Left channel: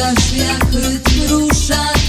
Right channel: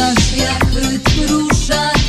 Я як кружать